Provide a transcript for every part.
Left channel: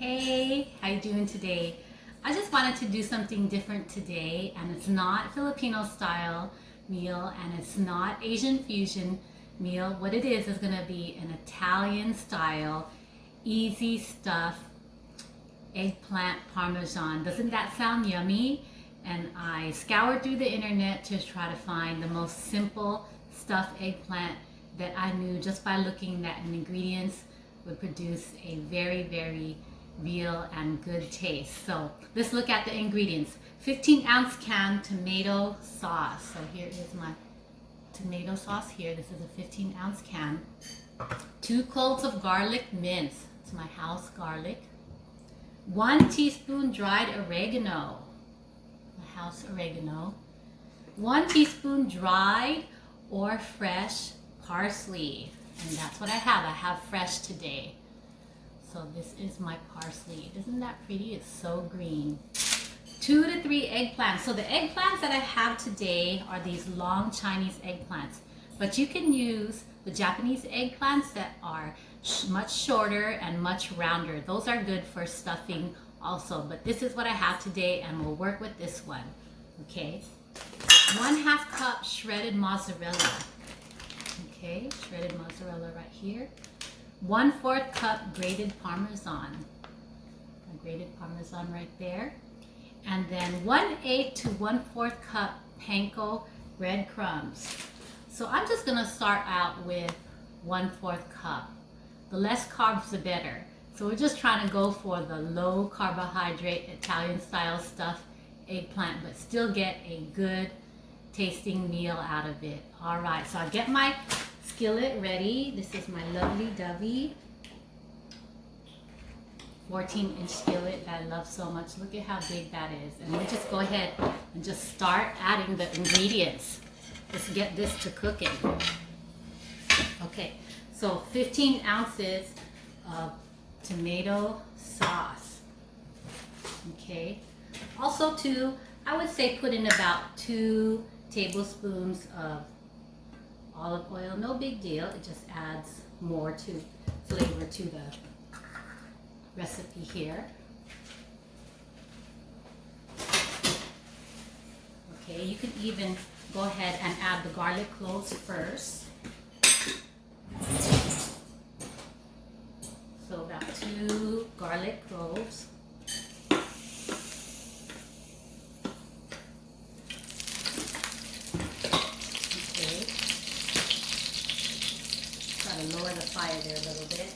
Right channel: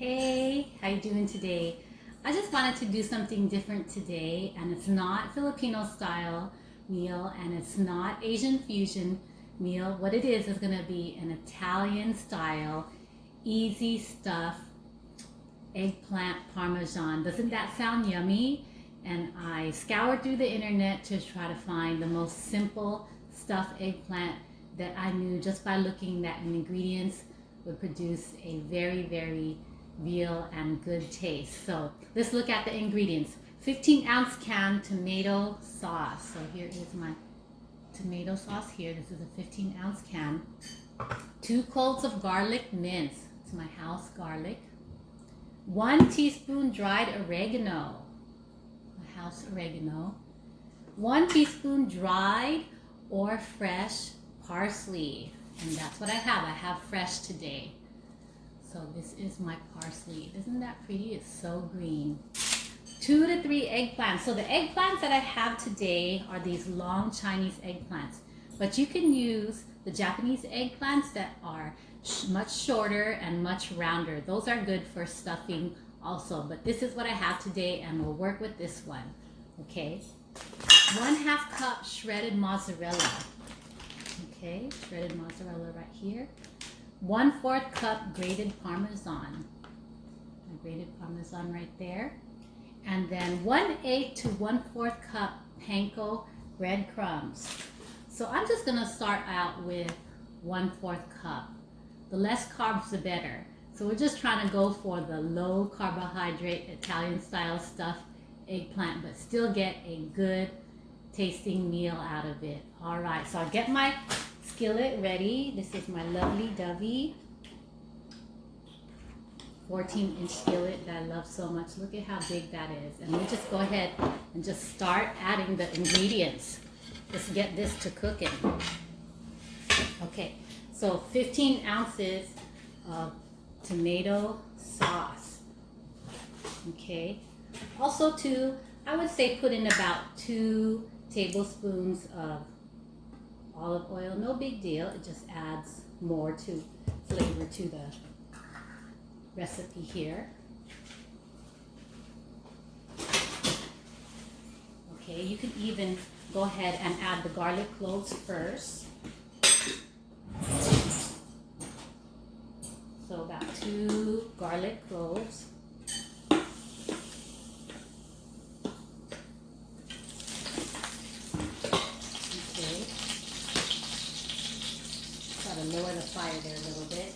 Hey, how you doing today? I just wanted to do something different today, and it's not Filipino style meal and it's not Asian fusion meal. What it is going to be an Italian style, easy stuff, eggplant parmesan. Doesn't that sound yummy? And I scoured through the internet to try to find the most simple stuffed eggplant that I knew just by looking at ingredients would produce a very real and good taste. So let's look at the ingredients. 15-ounce can tomato sauce. So here is my tomato sauce here. This is a 15-ounce can. 2 cloves of garlic minced. It's my house garlic. 1 teaspoon dried oregano. My house oregano. 1 teaspoon dried or fresh parsley. And that's what I have. I have fresh today. So this is my parsley. Isn't that pretty? It's so green. 2 to 3 eggplants. So the eggplants that I have today are these long Chinese eggplants. But you can use the Japanese eggplants that are much shorter and much rounder. Those are good for stuffing also. But this is what I have today, and we'll work with this one. Okay. 1/2 cup shredded mozzarella. Okay, shredded mozzarella right here. 1/4 cup grated parmesan. A grated parmesan right there. And then 1/8 to 1/4 cup panko breadcrumbs. So I'm just gonna start out with 1/4 cup. The less carbs the better. So we're just trying to go for the low carbohydrate Italian style stuffed eggplant, but still get a good tasting meal out of it. All right, so I'll get my skillet ready. This is my lovely dovey 14-inch skillet that I love so much. Look at how big that is. And we'll just go ahead and just start adding the ingredients. Let's get this to cooking. Okay, so 15 ounces of tomato sauce. Okay, also I would say put in about 2 tablespoons of olive oil. No big deal. It just adds more to flavor to the recipe here. Okay, you can even go ahead and add the garlic cloves first. So about 2 garlic cloves. Lower the fire there a little bit.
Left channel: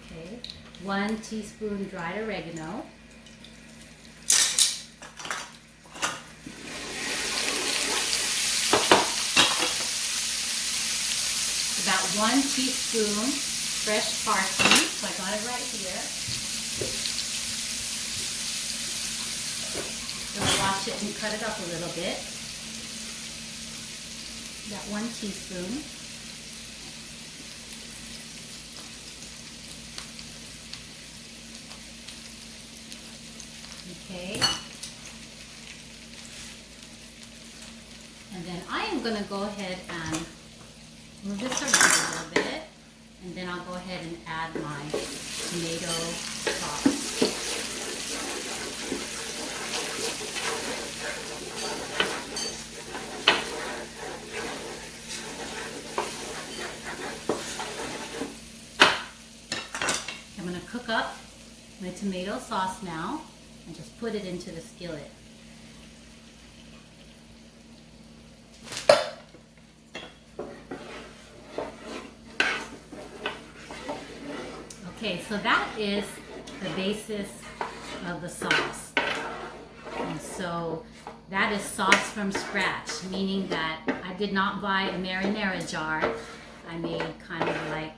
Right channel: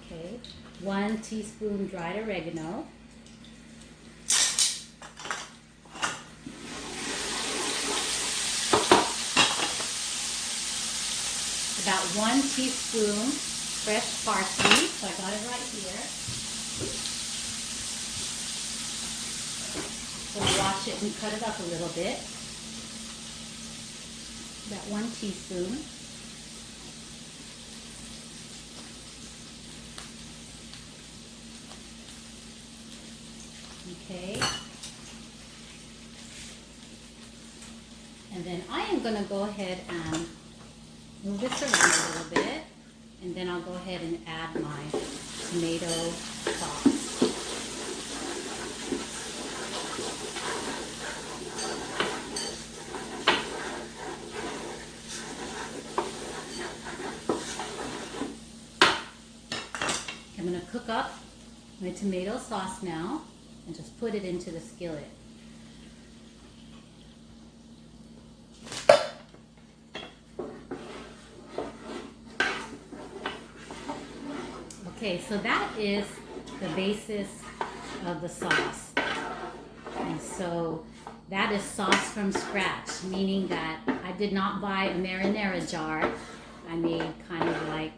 Okay, 1 teaspoon dried oregano. About 1 teaspoon fresh parsley. So I got it right here. Wash it and cut it up a little bit. About 1 teaspoon. Okay. And then I am going to go ahead and move this around a little bit. And then I'll go ahead and add my tomato sauce. I'm going to cook up my tomato sauce now and just put it into the skillet. Okay, so that is the basis of the sauce. And so that is sauce from scratch, meaning that I did not buy a marinara jar. I made kind of like,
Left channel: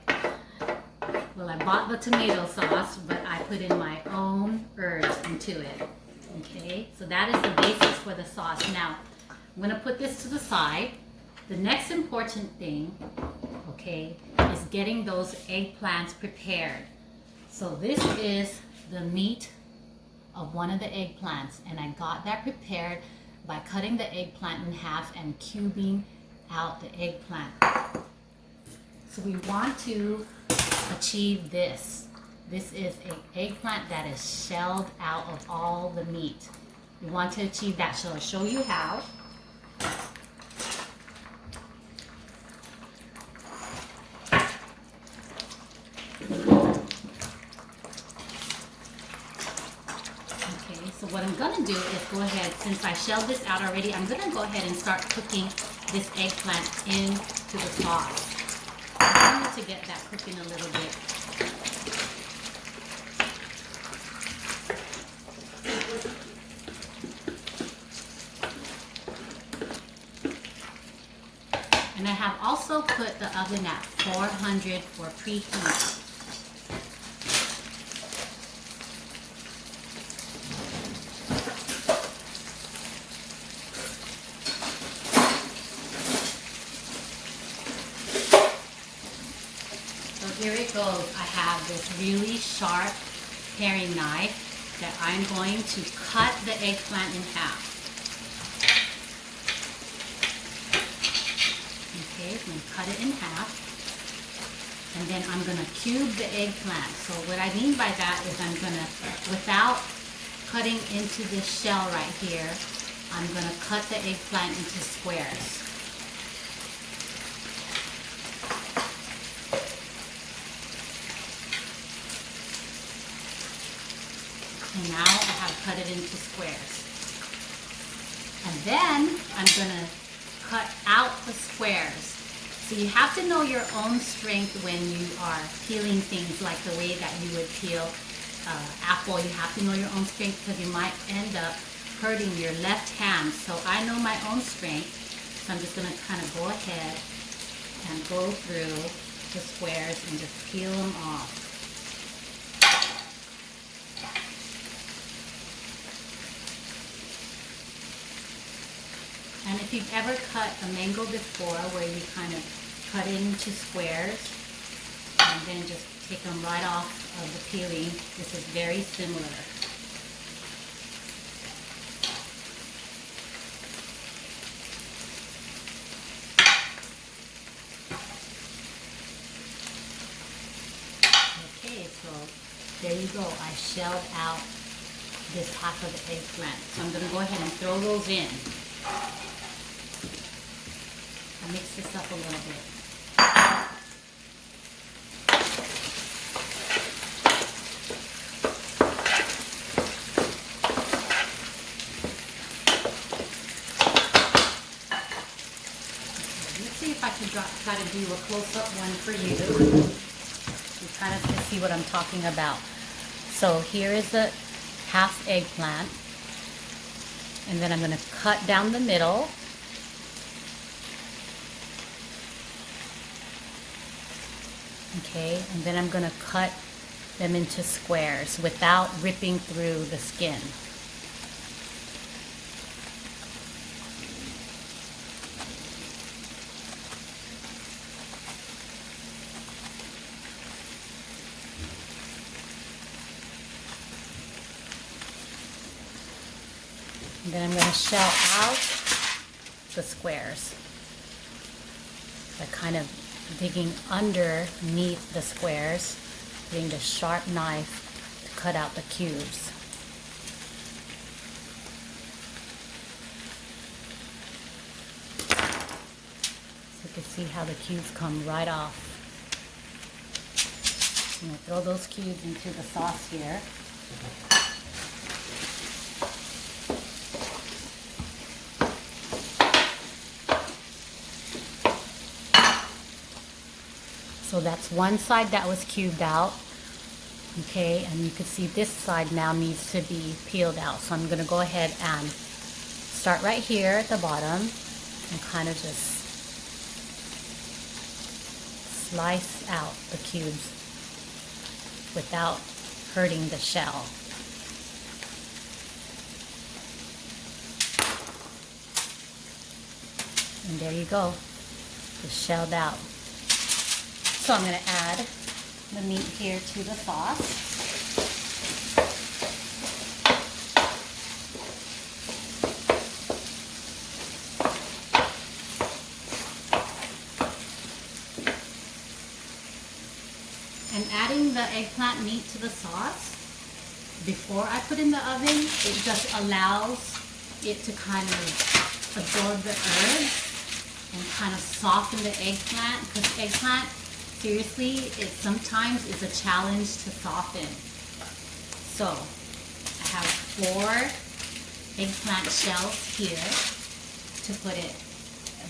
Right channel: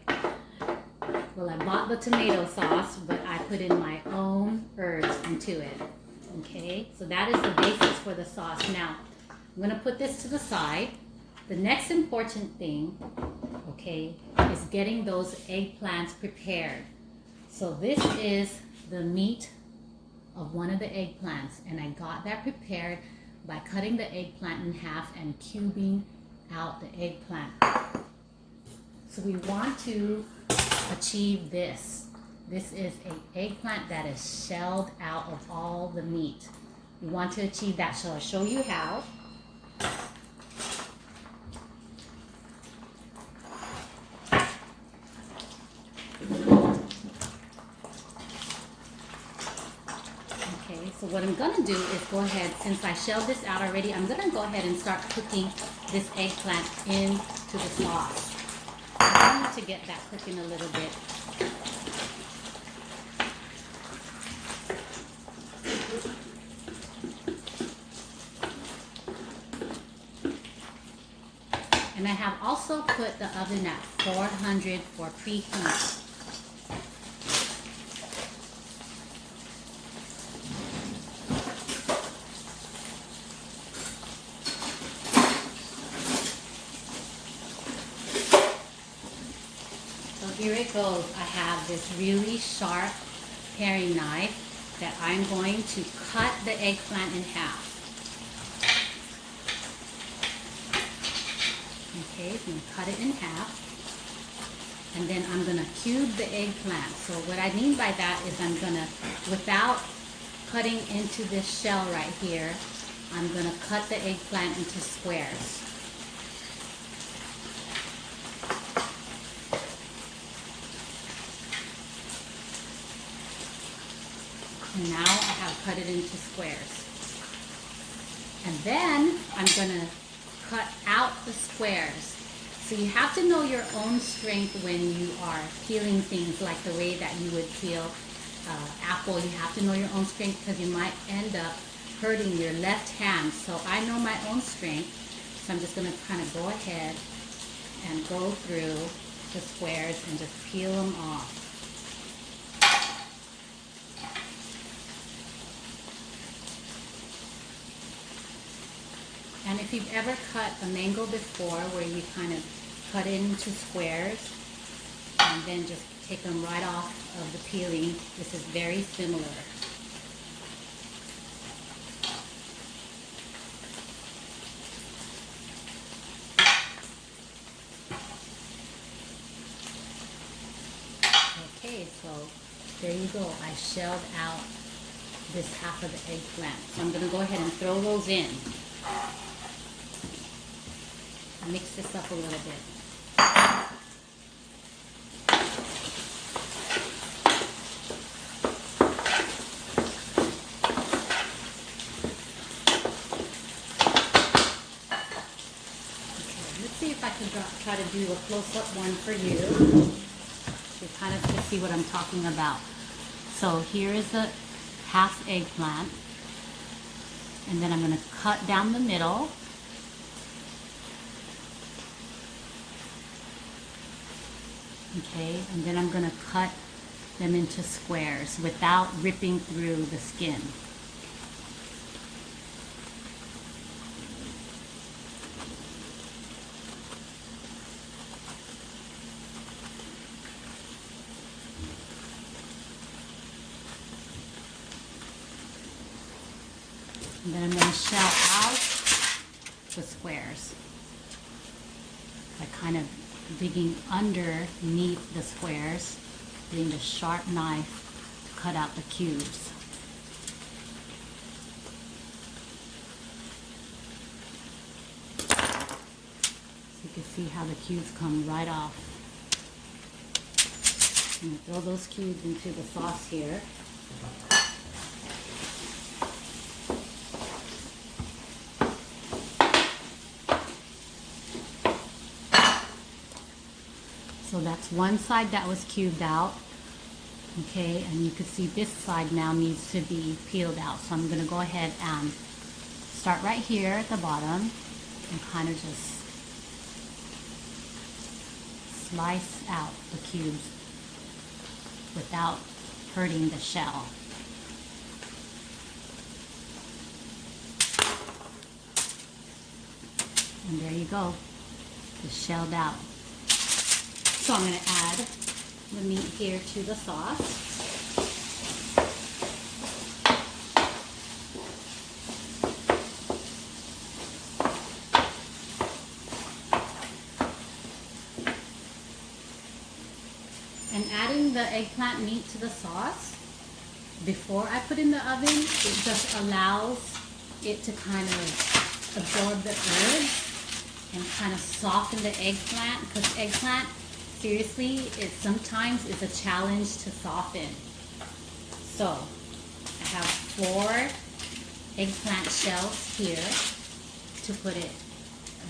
well, I bought the tomato sauce, but I put in my own herbs into it. Okay, so that is the basis for the sauce. Now, I'm going to put this to the side. The next important thing, okay, is getting those eggplants prepared. So this is the meat of one of the eggplants, and I got that prepared by cutting the eggplant in half and cubing out the eggplant. So we want to achieve this. This is an eggplant that is shelled out of all the meat. We want to achieve that, so I'll show you how. So what I'm going to do is go ahead, since I shelled this out already, I'm going to go ahead and start cooking this eggplant into the sauce. I want to get that cooking a little bit. And I have also put the oven at 400 for preheat. Here it goes. I have this really sharp paring knife that I'm going to cut the eggplant in half. Okay, so I'm going to cut it in half. And then I'm going to cube the eggplant. So what I mean by that is I'm going to, without cutting into this shell right here, I'm going to cut the eggplant into squares. And now I have cut it into squares. And then I'm going to cut out the squares. So you have to know your own strength when you are peeling things like the way that you would peel apple. You have to know your own strength because you might end up hurting your left hand. So I know my own strength. So I'm just going to kind of go ahead and go through the squares and just peel them off. And if you've ever cut a mango before, where you kind of cut it into squares and then just take them right off of the peeling, this is very similar. Okay, so there you go. I shelled out this half of the eggplant. So I'm going to go ahead and throw those in. Mix this up a little bit. Let's see if I can try to do a close-up one for you. You kind of can see what I'm talking about. So here is the half eggplant. And then I'm going to cut down the middle. Okay, and then I'm going to cut them into squares without ripping through the skin. And then I'm going to shell out the squares by kind of digging underneath the squares, using the sharp knife to cut out the cubes. So you can see how the cubes come right off. I'm going to throw those cubes into the sauce here. So that's one side that was cubed out, okay, and you can see this side now needs to be peeled out. So I'm going to go ahead and start right here at the bottom and kind of just slice out the cubes without hurting the shell. And there you go, it's shelled out. So I'm going to add the meat here to the sauce. the eggplant meat to the sauce before I put in the oven, it just allows it to kind of absorb the herbs and kind of soften the eggplant, because eggplant, seriously, it sometimes is a challenge to soften. So I have 4 eggplant shells here to put it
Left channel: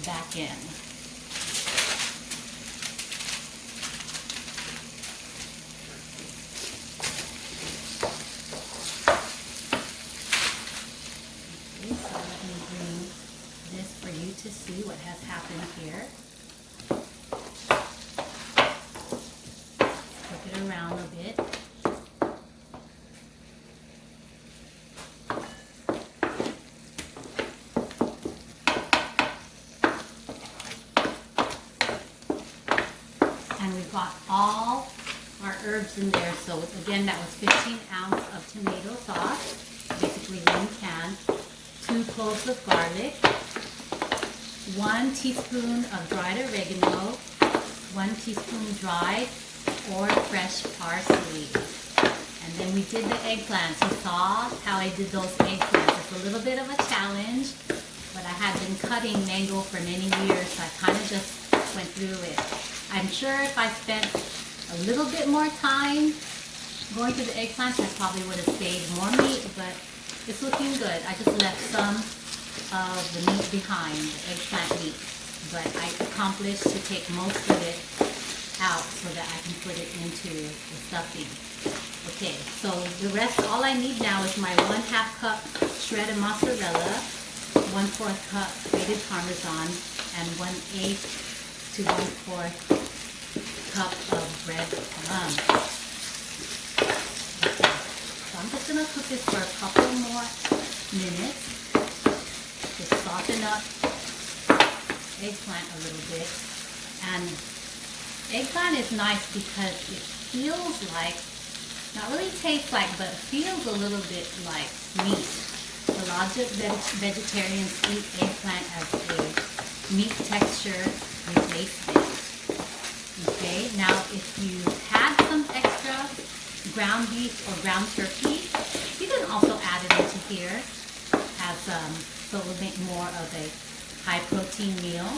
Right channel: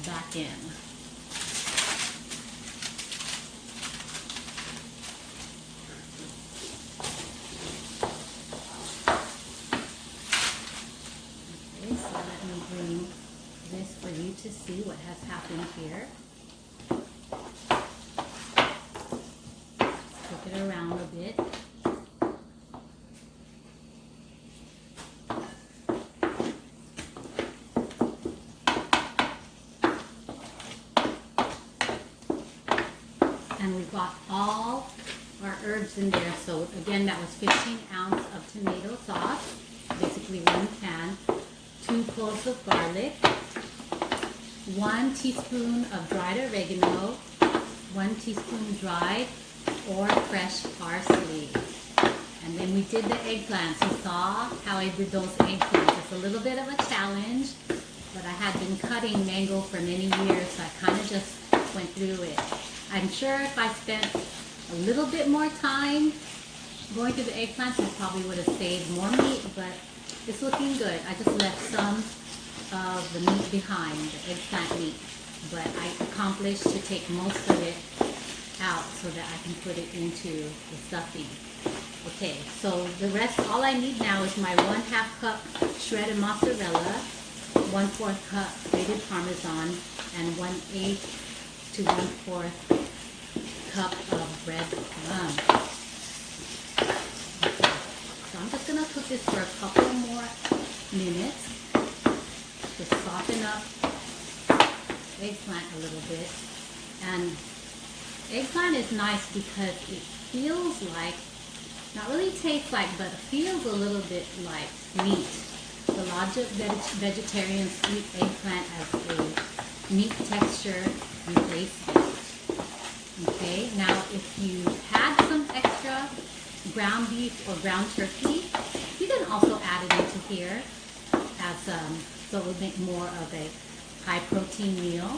back in. Okay, so let me bring this for you to see what has happened here. Flip it around a bit. And we've got all our herbs in there. So again, that was 15 ounces of tomato sauce, basically 1 can, 2 cloves of garlic, 1 teaspoon of dried oregano, 1 teaspoon dried or fresh parsley. And then we did the eggplants. You saw how I did those eggplants. It's a little bit of a challenge, but I had been cutting mango for many years, so I kind of just went through it. I'm sure if I spent a little bit more time going through the eggplants, I probably would have saved more meat, but it's looking good. I just left some of the meat behind, the eggplant meat, but I accomplished to take most of it out so that I can put it into the stuffing. Okay, so the rest, all I need now is my 1/2 cup shredded mozzarella, 1/4 cup grated parmesan, and 1/8 to 1/4 cup of bread crumbs. Okay, so I'm just gonna cook this for a couple more minutes to soften up eggplant a little bit. And eggplant is nice because it feels like, not really tastes like, but feels a little bit like meat. A lot of vegetarians eat eggplant as a meat texture replacement. Okay, now if you had some extra ground beef or ground turkey, you can also add it into here as so it would make more of a high protein meal.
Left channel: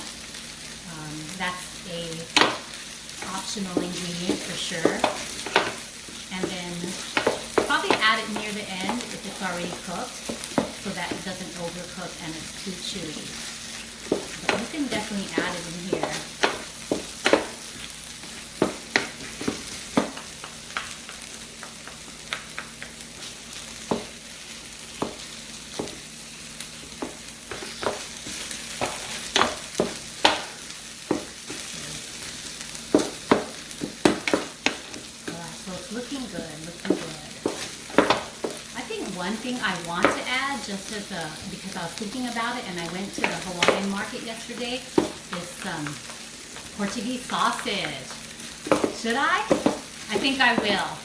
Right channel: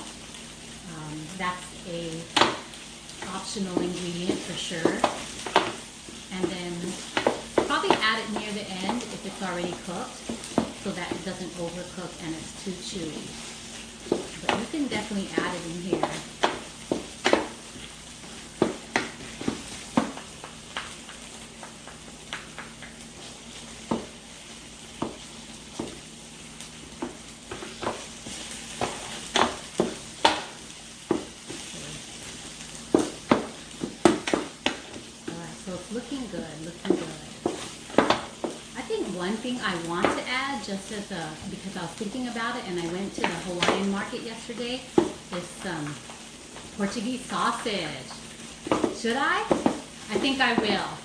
That's a optional ingredient for sure. And then probably add it near the end if it's already cooked, so that it doesn't overcook and it's too chewy. But you can definitely add it in here. Looking good, looking good. I think one thing I want to add, just as because I was thinking about it and I went to the Hawaiian market yesterday, is some Portuguese sausage. Should I? I think I will.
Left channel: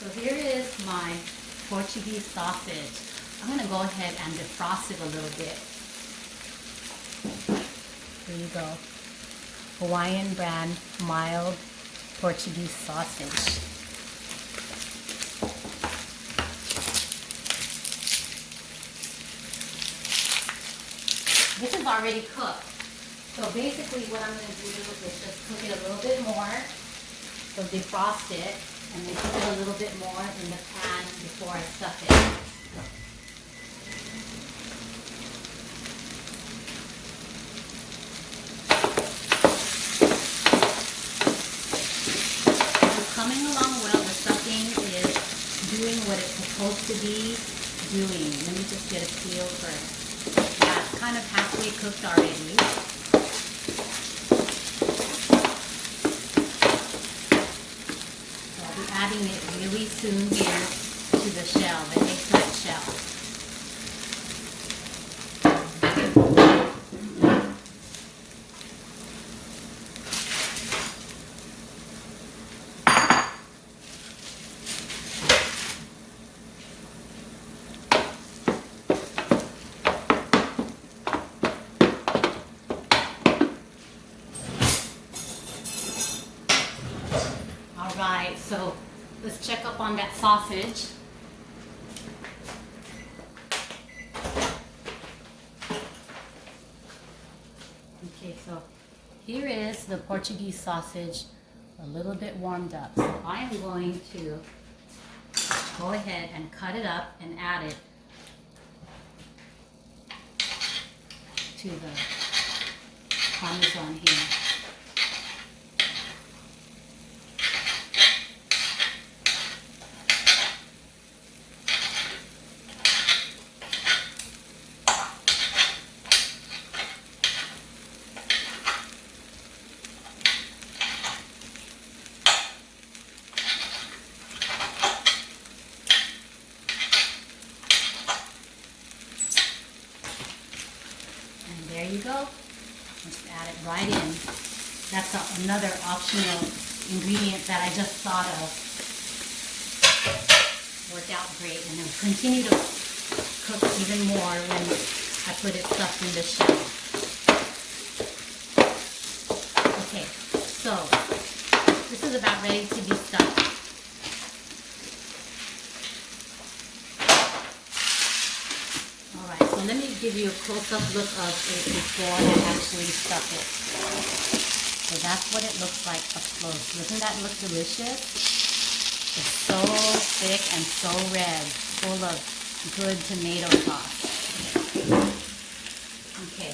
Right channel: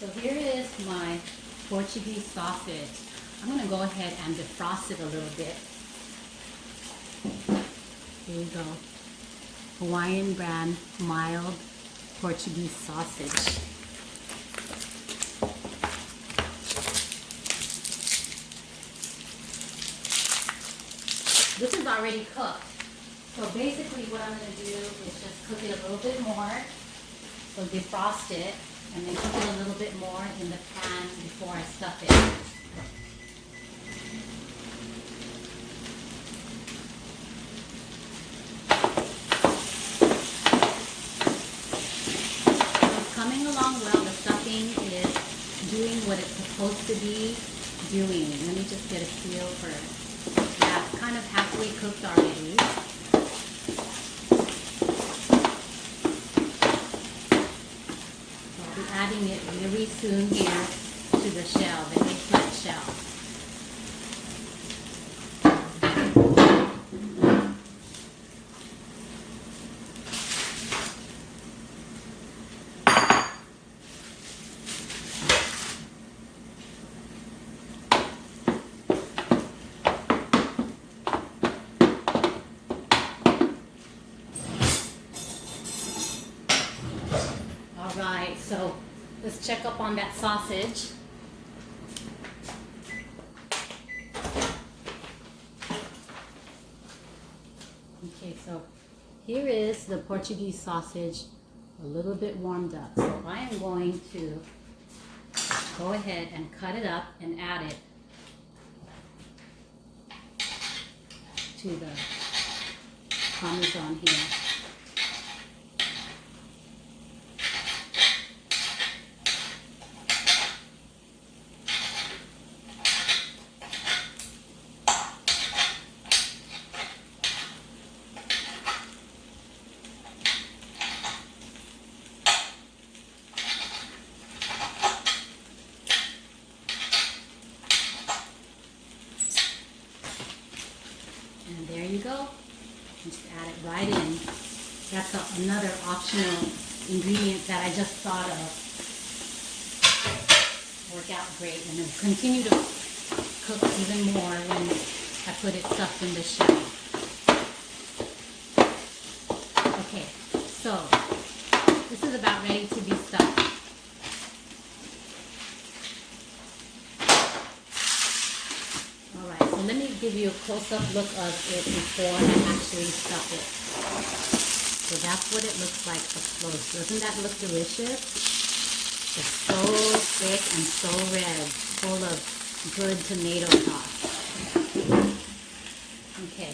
So here is my Portuguese sausage. I'm going to go ahead and defrost it a little bit. Here you go. Hawaiian brand mild Portuguese sausage. This is already cooked. So basically what I'm going to do is just cook it a little bit more. So defrost it and then cook it a little bit more in the pan before I stuff it. Coming along well. The stuffing is doing what it's supposed to be doing. Let me just get a feel for it. Yeah, it's kind of halfway cooked already. So I'll be adding it really soon here to the shell, the eggplant shell. let's check up on that sausage. Okay, so here is the Portuguese sausage, a little bit warmed up. So I am going to go ahead and cut it up and add it to the parmesan here. And there you go. Just add it right in. That's another optional ingredient that I just thought of. Worked out great, and it'll continue to cook even more when I put it stuffed in the shell. Okay, so this is about ready to be stuffed. Alright, so let me give you a close-up look of it before I actually stuff it. So that's what it looks like up close. Doesn't that look delicious? It's so thick and so red, full of good tomato sauce. Okay,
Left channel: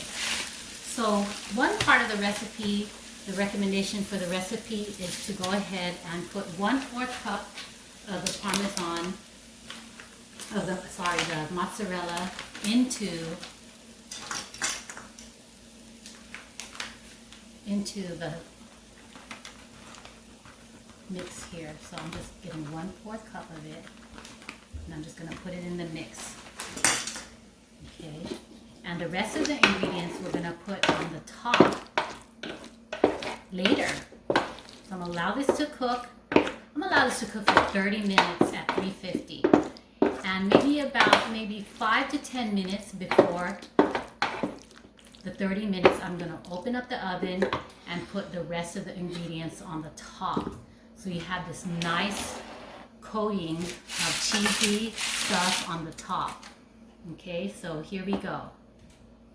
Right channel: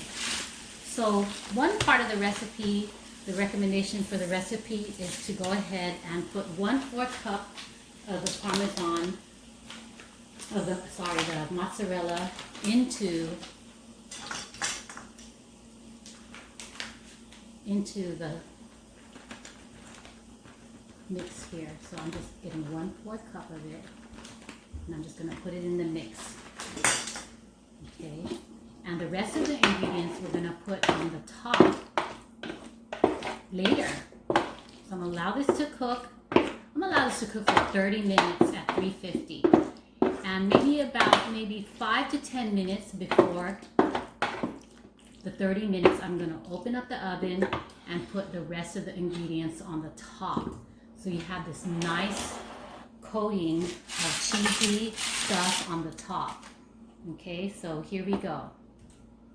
so one part of the recipe, the recommendation for the recipe is to go ahead and put 1/4 cup of the parmesan, the mozzarella into the mix here. So I'm just getting 1/4 cup of it, and I'm just going to put it in the mix. Okay, and the rest of the ingredients we're going to put on the top later. So I'm going to allow this to cook. I'm going to allow this to cook for 30 minutes at 350. And maybe 5 to 10 minutes before the 30 minutes, I'm going to open up the oven and put the rest of the ingredients on the top. So you have this nice coating of cheesy stuff on the top. Okay, so here we go.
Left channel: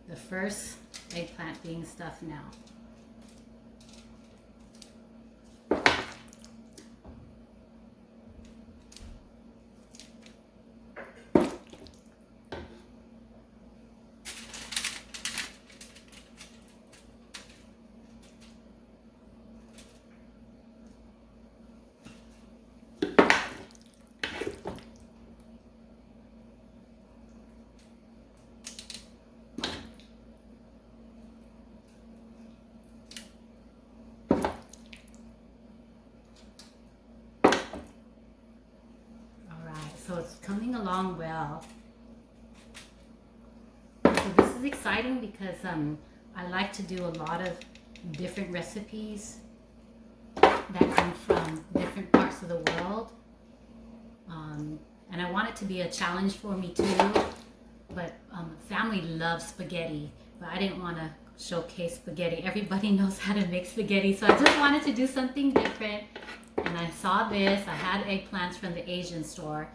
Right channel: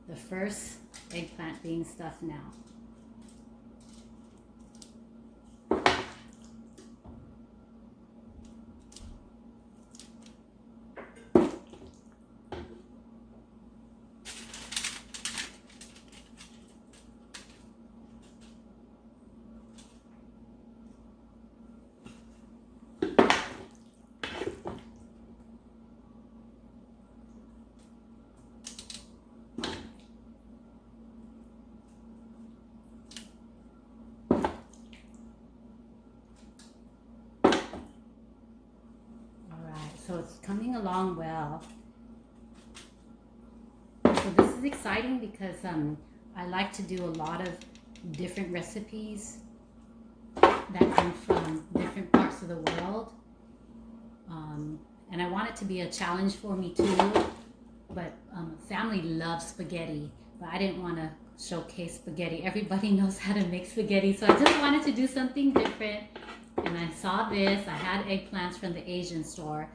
The first eggplant being stuffed now. So it's coming along well. So this is exciting because I like to do a lot of different recipes that come from different parts of the world. And I want it to be a challenge for me too. But family loves spaghetti, but I didn't want to showcase spaghetti. Everybody knows how to make spaghetti, so I just wanted to do something different. And I saw this. I had eggplants from the Asian store,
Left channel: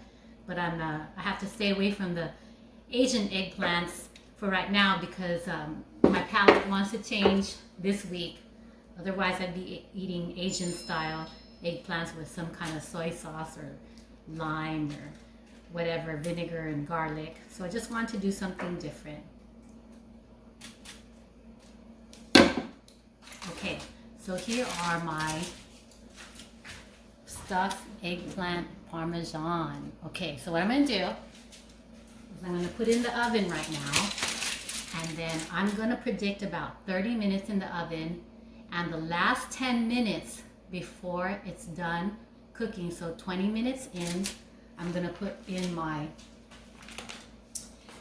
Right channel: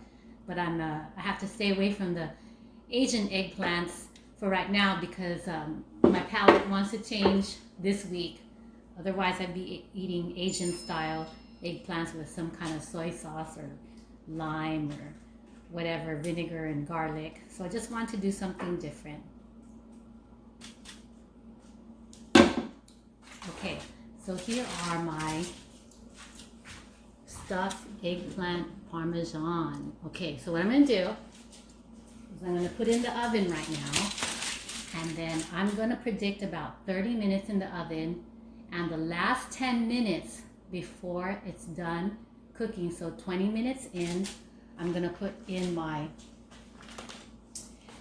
but I have to stay away from the Asian eggplants for right now because my palate wants to change this week. Otherwise, I'd be eating Asian style eggplants with some kind of soy sauce or lime or whatever, vinegar and garlic. So I just wanted to do something different. Okay, so here are my stuffed eggplant parmesan. Okay, so what I'm going to do is I'm going to put it in the oven right now, and then I'm going to predict about 30 minutes in the oven, and the last 10 minutes before it's done cooking, so 20 minutes in, I'm going to put in my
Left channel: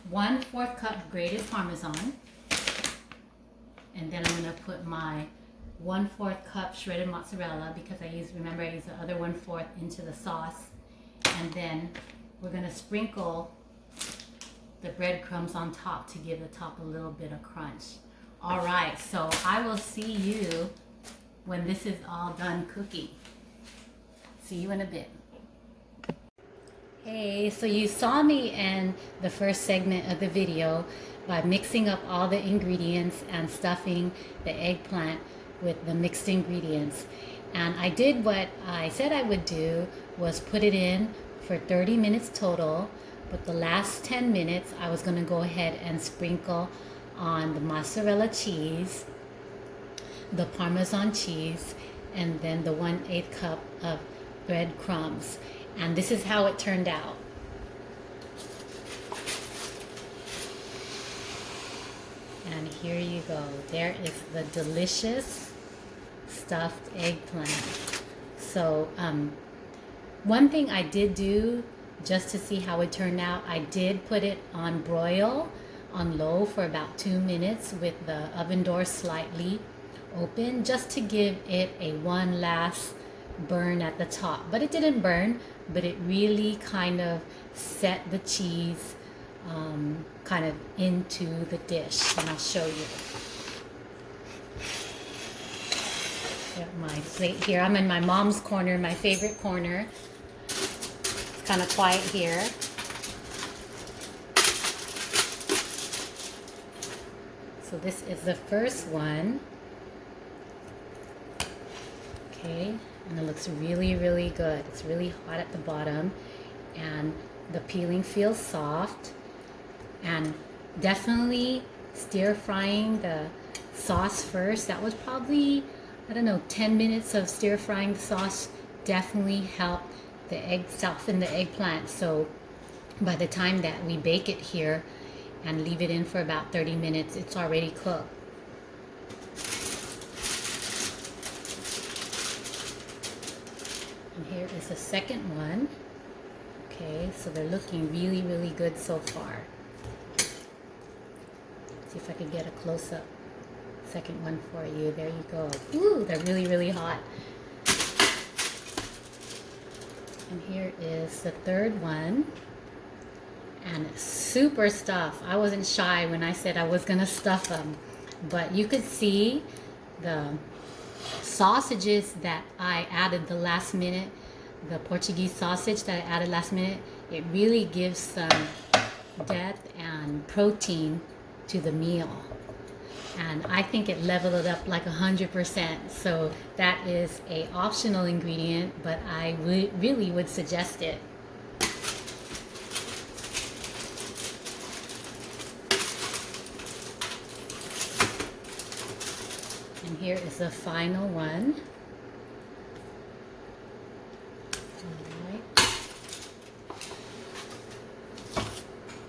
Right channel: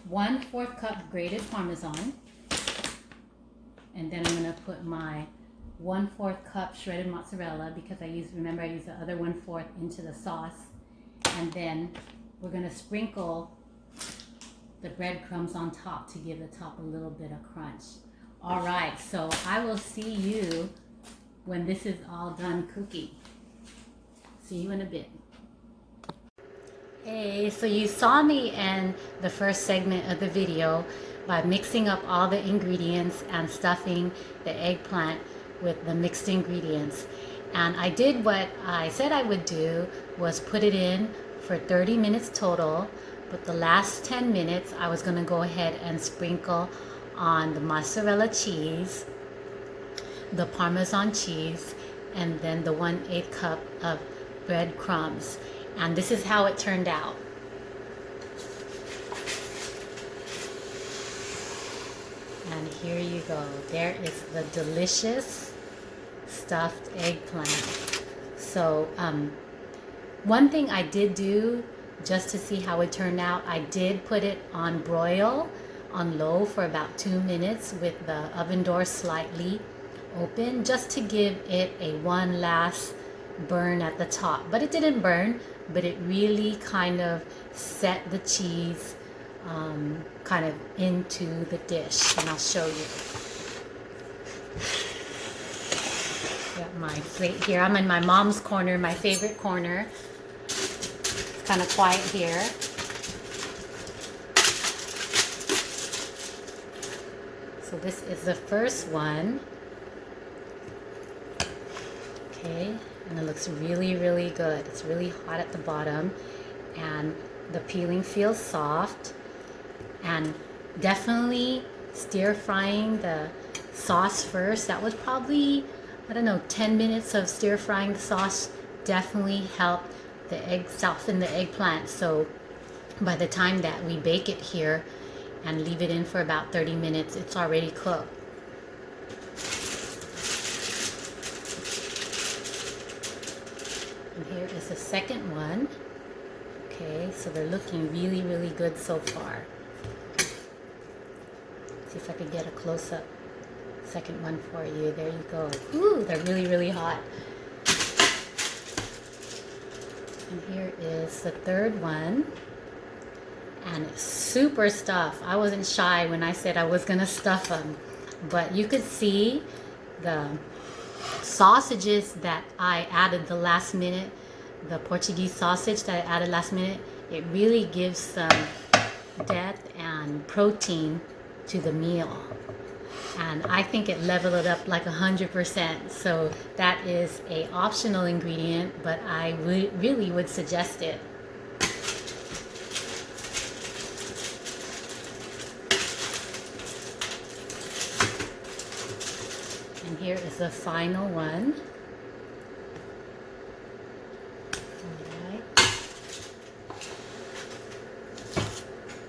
1/4 cup grated parmesan, and then I'm going to put my 1/4 cup shredded mozzarella because I use the other 1/4 into the sauce. And then we're going to sprinkle the breadcrumbs on top to give the top a little bit of crunch. All right, so I will see you when this is all done cooking. See you in a bit. Hey, so you saw me in the first segment of the video by mixing up all the ingredients and stuffing the eggplant with the mixed ingredients. And I did what I said I would do, was put it in for 30 minutes total, but the last 10 minutes I was going to go ahead and sprinkle on the mozzarella cheese, the parmesan cheese, and then the 1/8 cup of breadcrumbs. And this is how it turned out. And here you go. There is the delicious stuffed eggplant. So one thing I did do just to see how it turned out, I did put it on broil on low for about 2 minutes with the oven door slightly open, just to give it a one last burn at the top. But it didn't burn, but it really kind of set the cheese kind of into the dish. And I'll show you. Got my plate here. I'm in my mom's corner, my favorite corner. It's kind of quiet here. So this is the first one. Okay. And it looks really, really good. It's really hot at the bottom, and the peeling feels soft. And definitely stir frying the sauce first. That was probably, I don't know, 10 minutes of stir frying the sauce definitely helped the egg soften the eggplant. So by the time that we bake it here and leave it in for about 30 minutes, it's already cooked. And here is the second one. Okay, so they're looking really, really good so far. See if I can get a close-up second one for you. There you go. Ooh, they're really, really hot. And here is the third one. And it's super stuffed. I wasn't shy when I said I was going to stuff them. But you could see the sausages that I added the last minute, the Portuguese sausage that I added last minute, it really gives some depth and protein to the meal. And I think it leveled it up like 100%. So that is a optional ingredient, but I really would suggest it. And here is the final one. All right.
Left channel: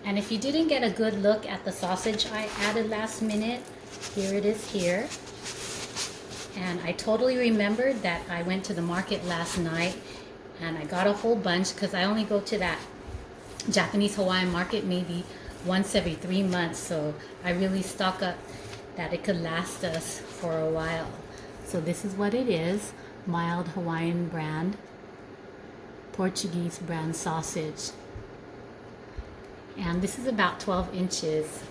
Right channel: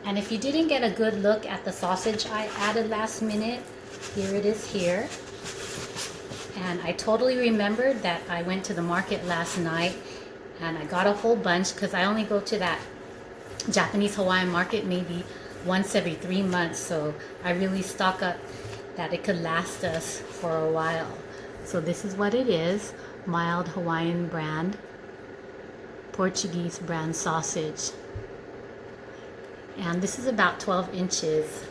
And if you didn't get a good look at the sausage I added last minute, here it is here. And I totally remembered that I went to the market last night and I got a whole bunch, because I only go to that Japanese Hawaiian market maybe once every 3 months. So I really stock up that it could last us for a while. So this is what it is. Mild Hawaiian brand, Portuguese brand sausage. And this is about 12 inches.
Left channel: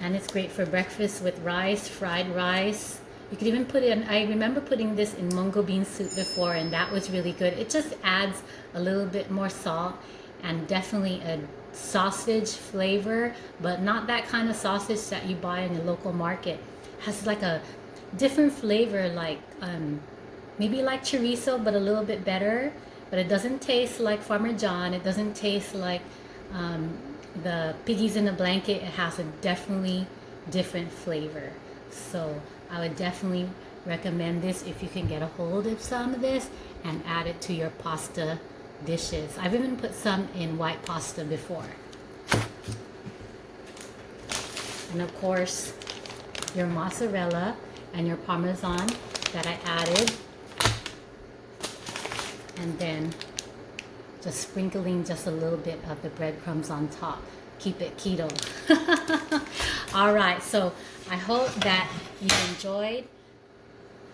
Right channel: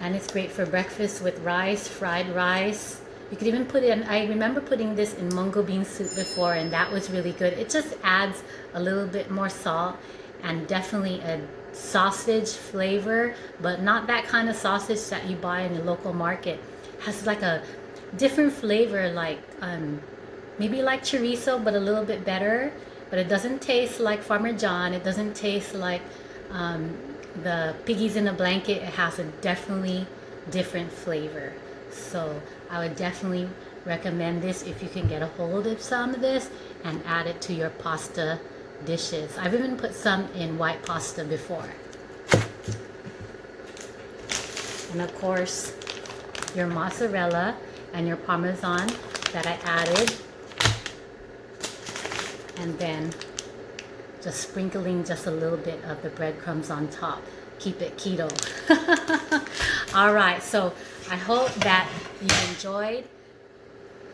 And it's great for breakfast with rice, fried rice. You could even put it in, I remember putting this in mungo bean soup before, and that was really good. It just adds a little bit more salt and definitely a sausage flavor, but not that kind of sausage that you buy in the local market. It has like a different flavor, like maybe like chorizo, but a little bit better. But it doesn't taste like Farmer John. It doesn't taste like the piggies in a blanket. It has a definitely different flavor. So I would definitely recommend this if you can get a hold of some of this and add it to your pasta dishes. I've even put some in white pasta before. And of course, your mozzarella and your parmesan that I added. And then just sprinkling just a little bit of the breadcrumbs on top. Keep it keto. All right, so I hope that you enjoyed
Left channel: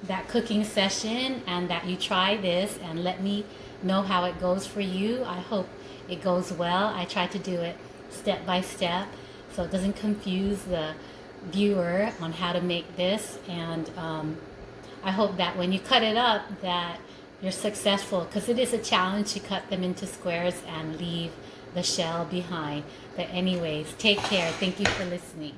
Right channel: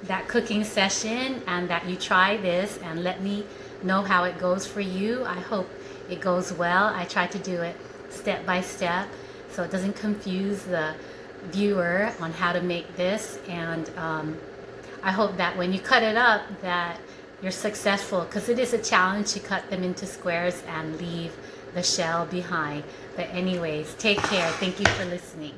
that cooking session and that you try this, and let me know how it goes for you. I hope it goes well. I try to do it step by step so it doesn't confuse the viewer on how to make this. And I hope that when you cut it up that you're successful, because it is a challenge to cut them into squares and leave the shell behind. But anyways, take care. Thank you for listening.